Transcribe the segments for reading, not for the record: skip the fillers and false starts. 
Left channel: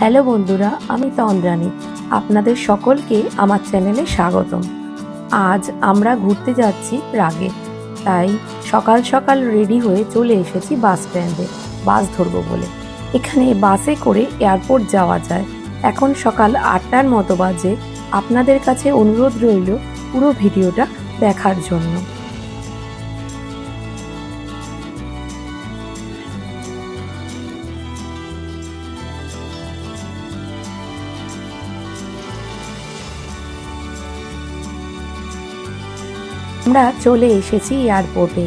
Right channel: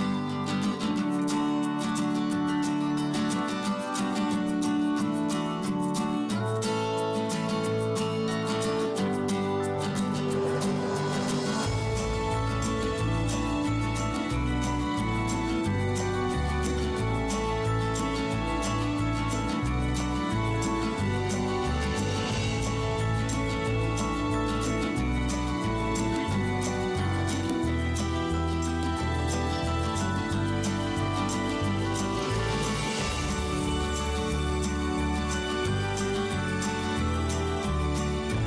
Hello বন্ধুরা, আমি তন্দ্রানী। আপনাদের সকলকে আমার চ্যানেলে স্বাগতম। আজ আমরা ঘুরতে যাচ্ছি প্রাগে, তাই সকাল সকাল রেডি হয়ে চলে এসেছি বাস স্ট্যান্ডে বাস ধরবো বলে। এখানে বাসে করে এয়ারপোর্ট যাওয়া যায়। এখন সকাল 8টার মতো বাজে। আপনাদের কাছে অনুরোধ রইল পুরো ভিডিওটা দেখার জন্য। আমরা চলে এসেছি এয়ারপোর্টে।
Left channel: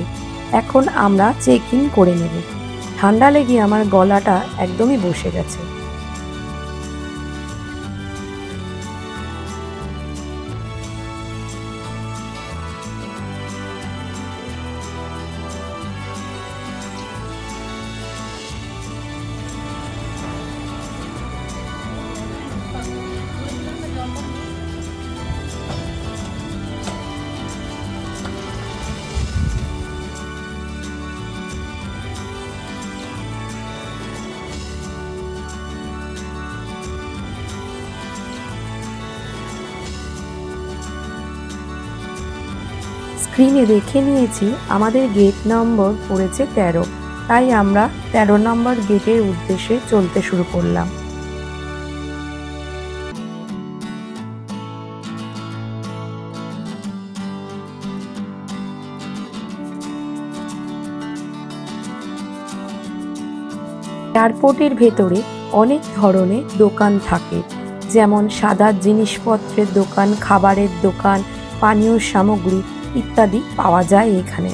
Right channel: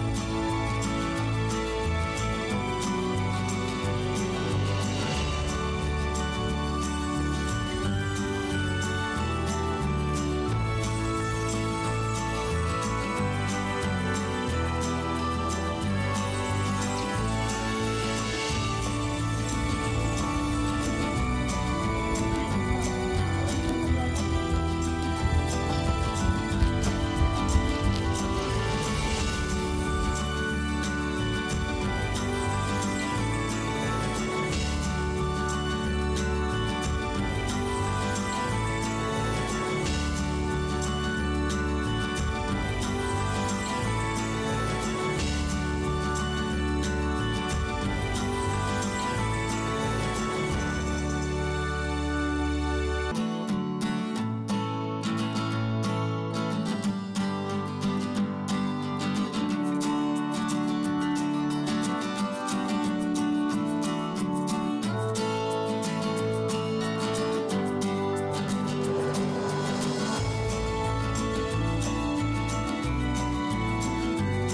এখন আমরা চেক ইন করে নেব। ঠান্ডা লেগে আমার গলাটা একদমই বসে গেছে। স্ক্রিনে দেখে নিয়েছি আমাদের গেট নম্বর পড়েছে 13, তাই আমরা 13 নম্বর গেটের উদ্দেশ্যে চলতে শুরু করলাম। এয়ারপোর্টের ভেতরে অনেক ধরনের দোকান থাকে, যেমন সাদা জিনিসপত্রের দোকান, খাবারের দোকান, পানীয় সামগ্রী ইত্যাদি পাওয়া যায় এখানে।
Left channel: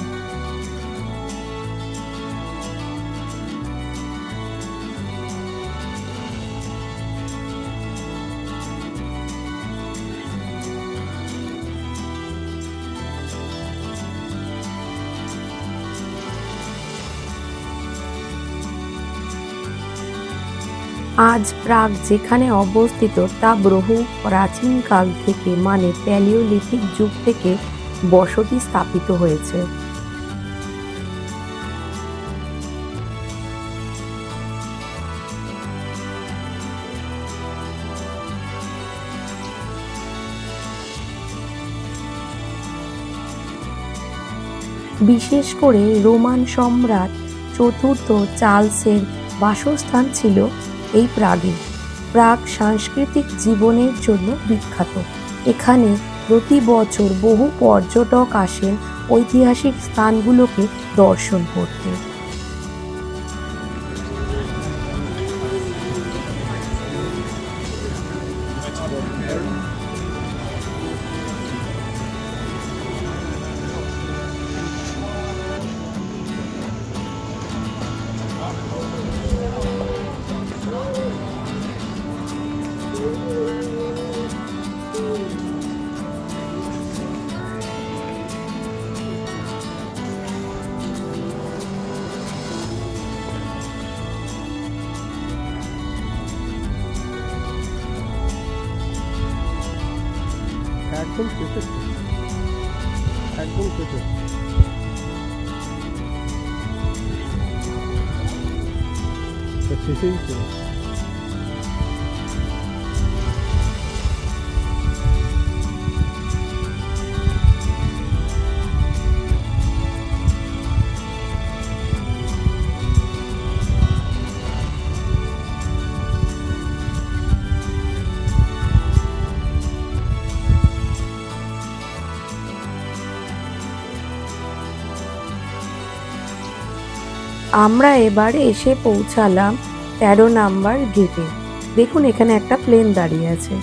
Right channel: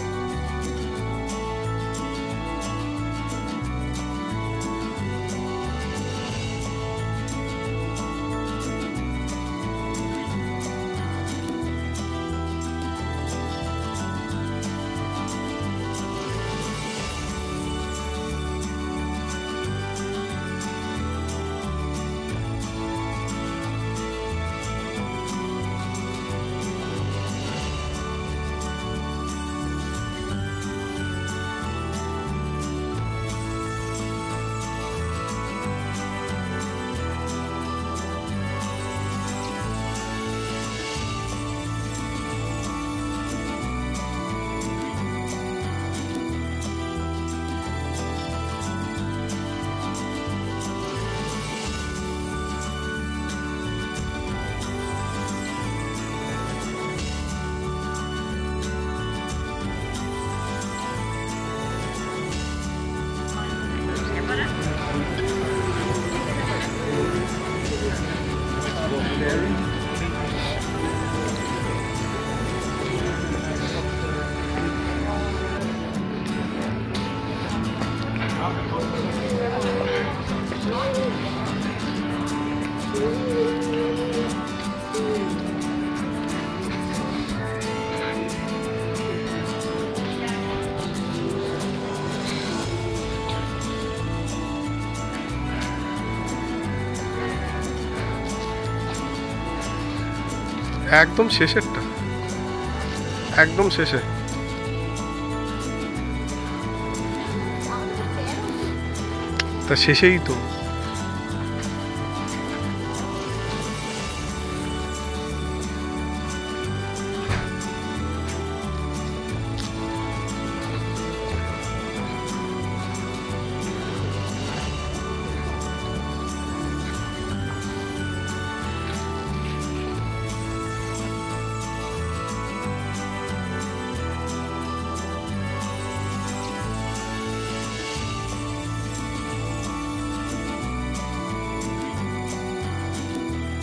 আজ প্রাগ যেখানে অবস্থিত তা বহু প্রাচীনকাল থেকে, মানে প্যালিওলিথিক যুগ থেকে বসতি স্থাপিত হয়েছে। বিশেষ করে রোমান সম্রাট চতুর্থ চার্লসের বাসস্থান ছিল এই প্রাগে। প্রাগ সাংস্কৃতিক জীবনের জন্য বিখ্যাত। এখানে প্রতি বছর বহু পর্যটক আসেন ঐতিহাসিক স্থানগুলোকে দর্শন করতে। একদম শেষেরটা, একদম শেষে। তা শেষেই তো। আমরা এবারে এসে পৌঁছালাম 13 নাম্বার গেটে। দেখুন এখানে একটা প্লেন দাঁড়িয়ে আছে।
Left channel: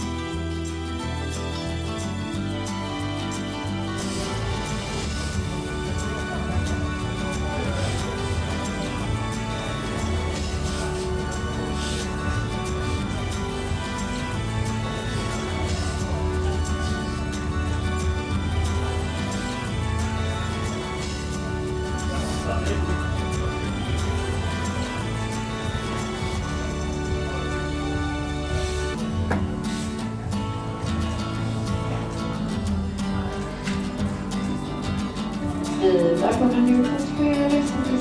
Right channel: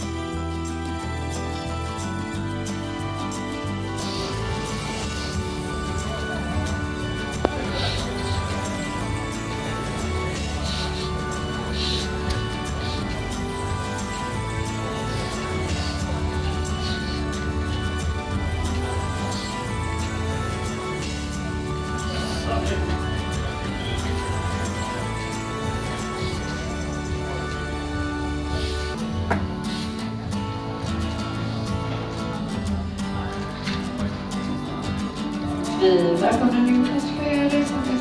Da kommer nu transfereras som det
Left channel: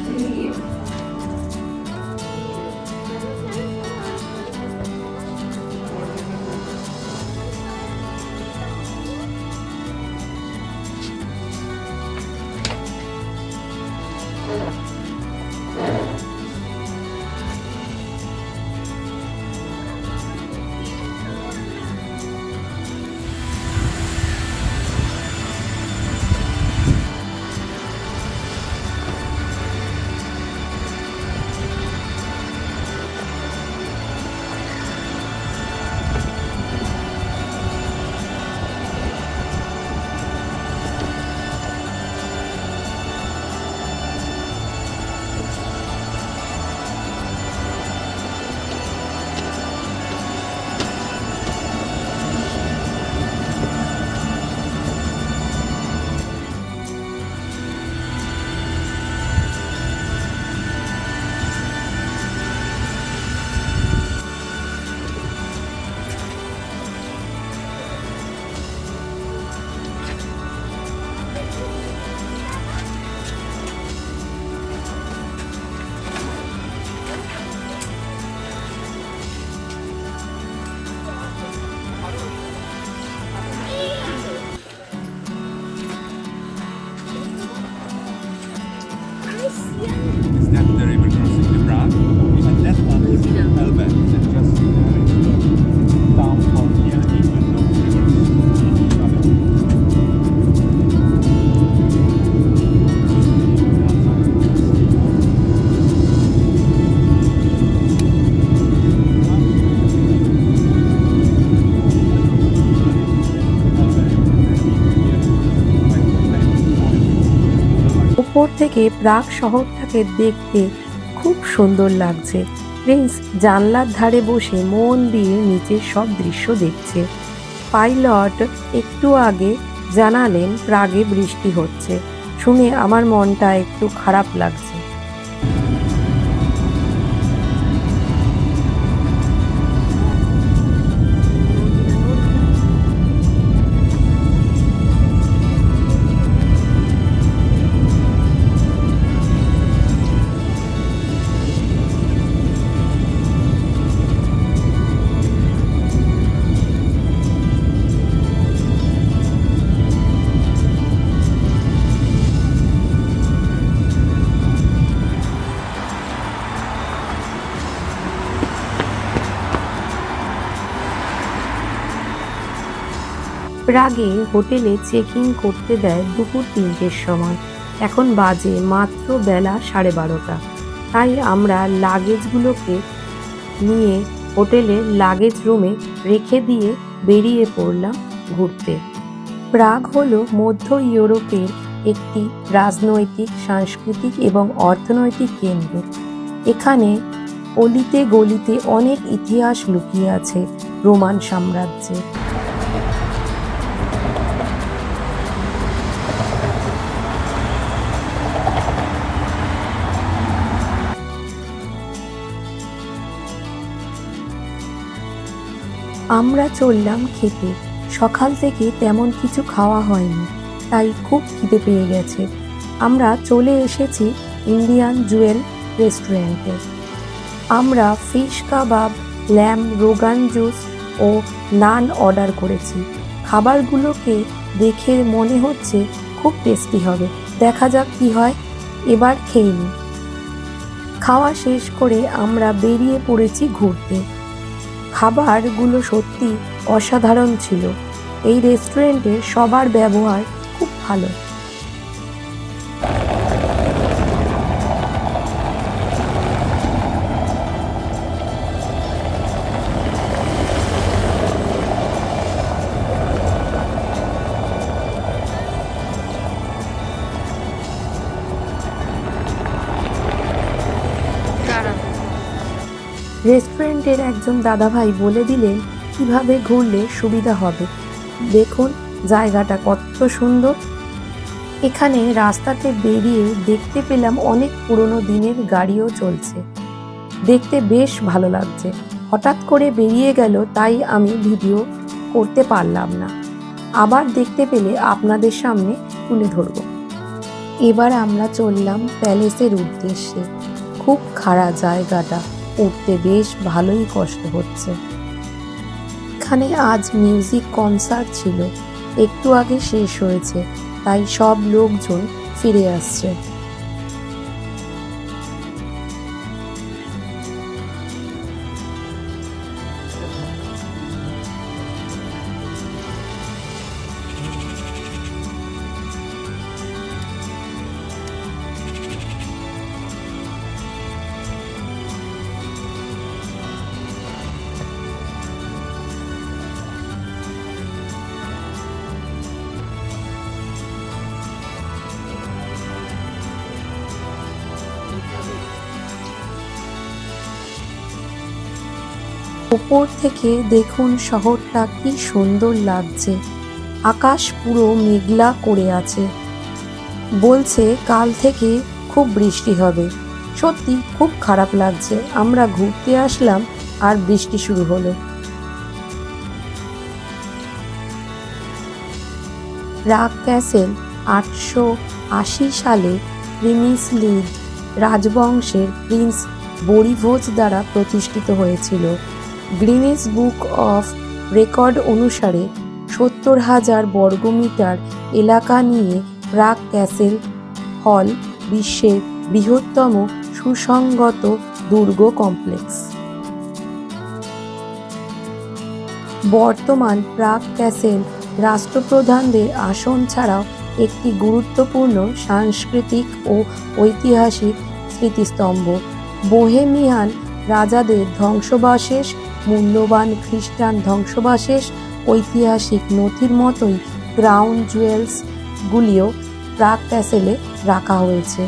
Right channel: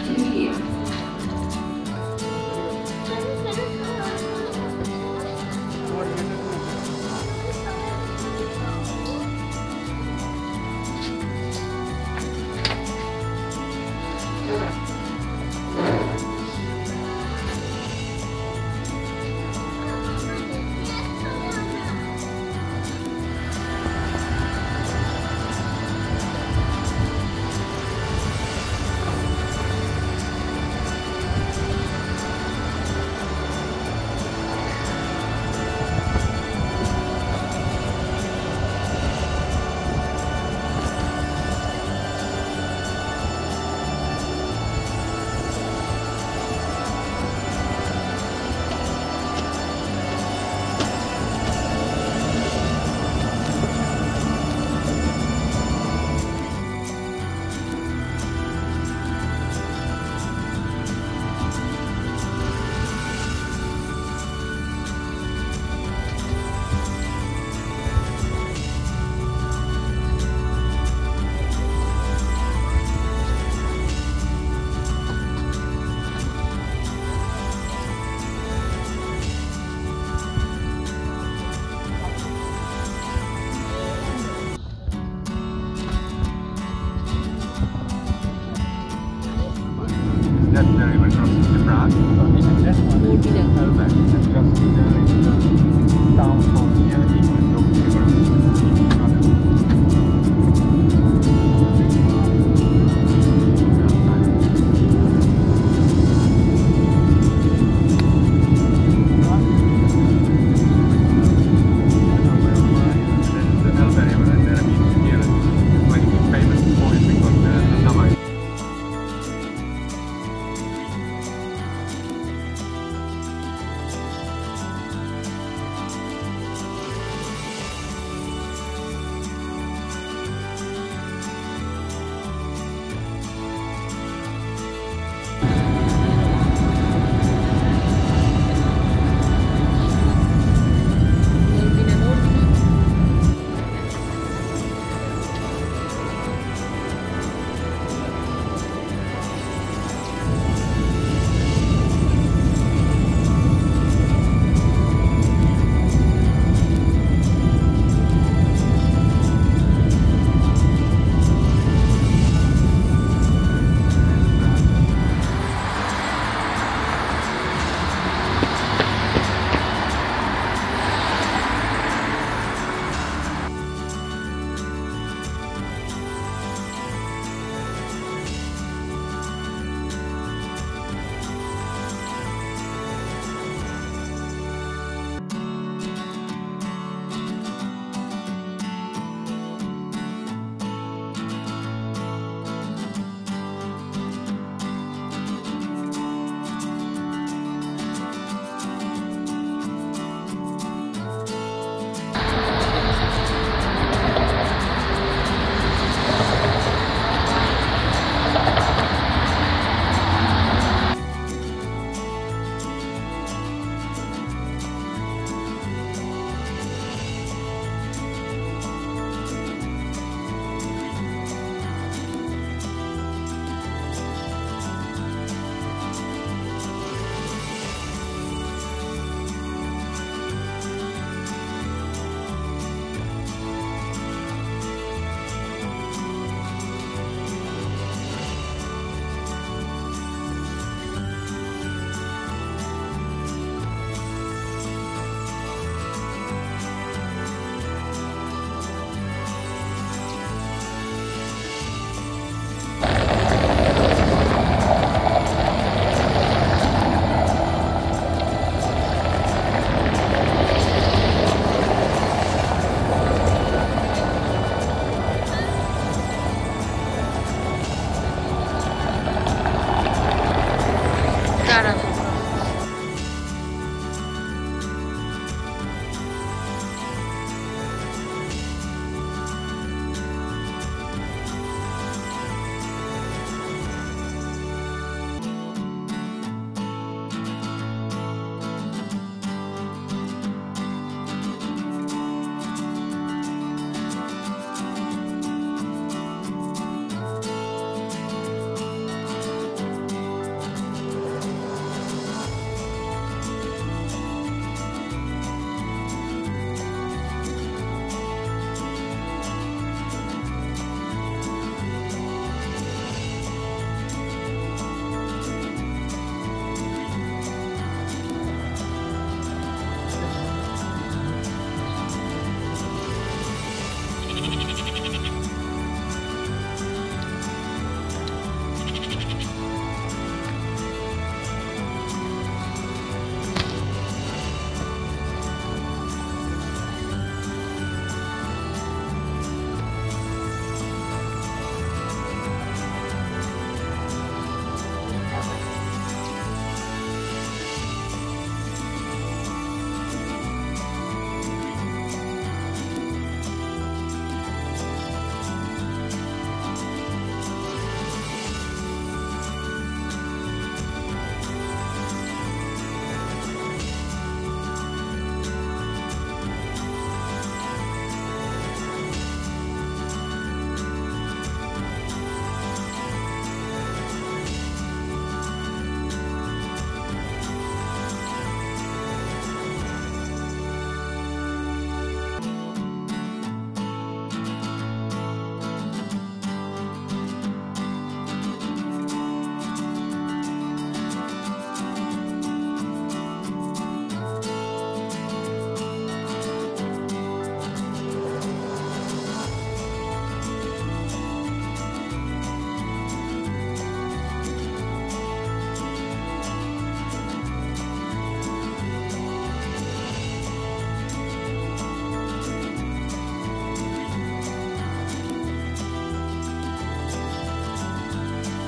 skriver. that the river crossing the Prague, and that one is Elbe, that just down from here, even though the river is not উপর থেকে প্রাগ শহরটাকে দেখতে খুব সুন্দর লাগছে। প্রিন্স জানলার ধারে বসে মন দিয়ে নিচের সব দৃশ্য দেখছে। পাইলট একটু আগে জানালেন প্রাগে বৃষ্টি হচ্ছে, শুনে আমার মনটা একটু খারাপ লাগছে। প্রাগে হোটেলে চেক ইন করতে দেয় দুপুর 3টের সময়। এখন বাজে মাত্র বেলা 12:30। তাই আমরা লাগেজগুলোকে নিয়ে হোটেলের লাগেজ রুমে রেখে দিয়ে বেরিয়ে পড়লাম ঘুরতে। প্রাগ হলো মধ্য ইউরোপের একটি রাজনৈতিক, সাংস্কৃতিক এবং অর্থনৈতিক কেন্দ্র। এখানে অলিতে গলিতে অনেক ইতিহাস লুকিয়ে আছে রোমান সাম্রাজ্যে। আমরা চললাম খেতে। সকাল থেকে তেমন কিছু খাওয়া হয়নি, তাই খুব খিদে পেয়ে গেছে। আমরা চলে এসেছি ইন্ডিয়ান জুয়েল রেস্টুরেন্টে। আমরা ফিশ কাবাব, ল্যাম্ব রোগান জুস ও নান অর্ডার করেছি। খাবারগুলোকে দেখে মনে হচ্ছে খুব টেস্টি হবে। দেখা যাক কি হয়, এবার খেয়ে নিই। খাওয়া শেষ করে আমরা বেরিয়ে পড়েছি ঘুরতে। খাবারগুলো সত্যি অসাধারণ ছিল। এই রেস্টুরেন্টে সবার ব্যবহার খুব ভালো। রেস্টুরেন্টের একজন দাদাভাই বলে দিলেন কিভাবে ঘুরলে সুবিধা হবে। দেখুন জায়গাটা কত সুন্দর। এখানে রাস্তাতে বেরিয়ে দেখতে পেলাম অনেক পুরনো দিনের গাড়িও চলছে। দেখতে বেশ ভালো লাগছে। হঠাৎ করে বেরিয়ে গেল, তাই আমি ভিডিও করতে পারলাম না। আবার দেখতে পেলে আপনাদের সামনে তুলে ধরব। এবার আমরা চললাম প্যালেসের উদ্দেশ্যে। খুব খারাপ জায়গাটা, উঠতে বেশ ভালোই কষ্ট হচ্ছে। এখানে আজ মিউজিক কনসার্ট ছিল, একটু আগে শেষ হয়েছে, তাই সব লোকজন ফিরে আসছে। উপর থেকে দেখুন শহরটা কি সুন্দর লাগছে। আকাশ পুরো মেঘলা করে আছে। বলছে কাল থেকে খুব বৃষ্টি হবে। সত্যি খুব খারাপ লাগছে। আমরা ঘুরতে আসলাম আর বৃষ্টি শুরু হলো। প্রাগ ক্যাসেল 880 সালে প্রিমিসলিড রাজবংশের প্রিন্স বরিভোজ দ্বারা প্রতিষ্ঠিত হয়েছিল। গ্রিনিচ বুক অফ রেকর্ড অনুসারে 70,000 বর্গমিটার এলাকা নিয়ে প্রাগ ক্যাসেল হল বিশ্বের বৃহত্তম সুসংগত দুর্গ কমপ্লেক্স। বর্তমান প্রাগ ক্যাসেল রাষ্ট্রপ্রধানদের আসন ছাড়াও একটি গুরুত্বপূর্ণ সাংস্কৃতিক ও ঐতিহাসিক স্মৃতিস্তম্ভ। বোহেমিয়ান রাজাদের ধ্বংসাবশেষ, মূল্যবান খ্রিস্টান ধ্বংসাবশেষ, ঐতিহাসিক নথির মতোই ক্রাউন জুয়েলসগুলিও প্রাগ ক্যাসেলে রাখা হয়েছে।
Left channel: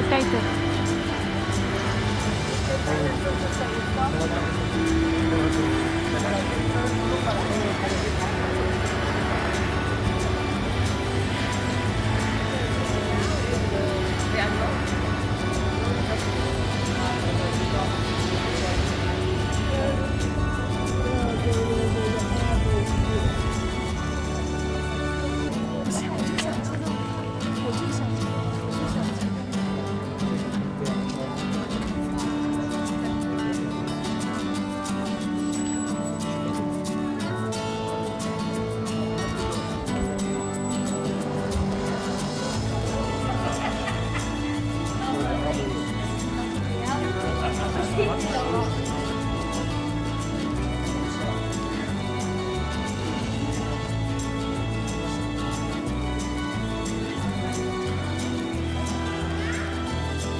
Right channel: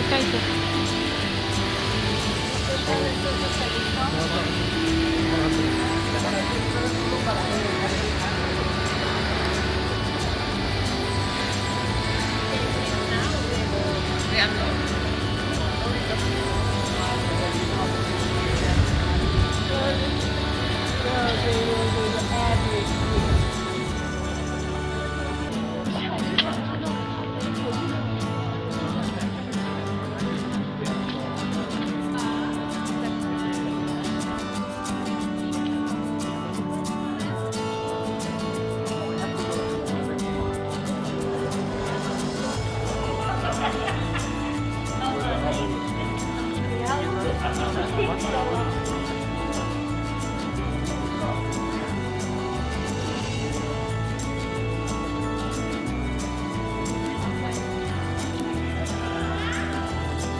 এটাই তো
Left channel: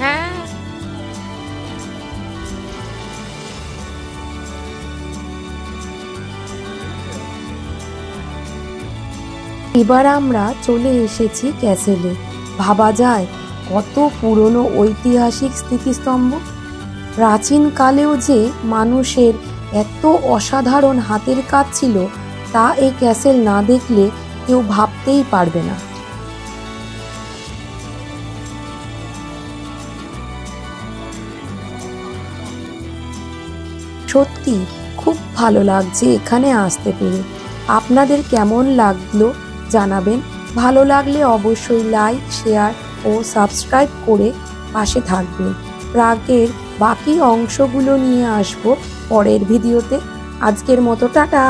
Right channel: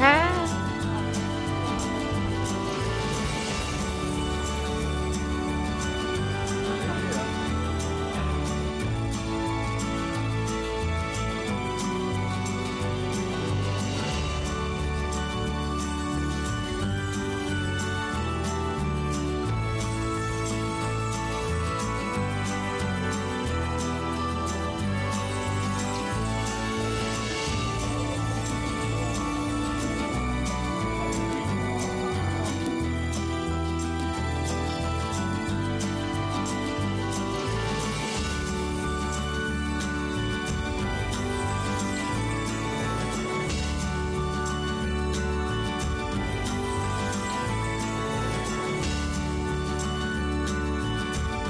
হ্যাঁ। এবার আমরা চলে এসেছি ক্যাসেলে। ভাবা যায় কত পুরনো ঐতিহাসিক স্মৃতিস্তম্ভ। প্রাচীনকালেও যে মানুষের এত অসাধারণ হাতের কাজ ছিল তা এই ক্যাসেল না দেখলে কেউ ভাবতেই পারবে না। সত্যি খুব ভালো লাগছে এখানে আসতে পেরে। আপনাদের কেমন লাগলো জানাবেন। ভালো লাগলে অবশ্যই লাইক, শেয়ার ও সাবস্ক্রাইব করে পাশে থাকবেন। প্রাগের বাকি অংশগুলো নিয়ে আসবো পরের ভিডিওতে। আজকের মতো টাটা।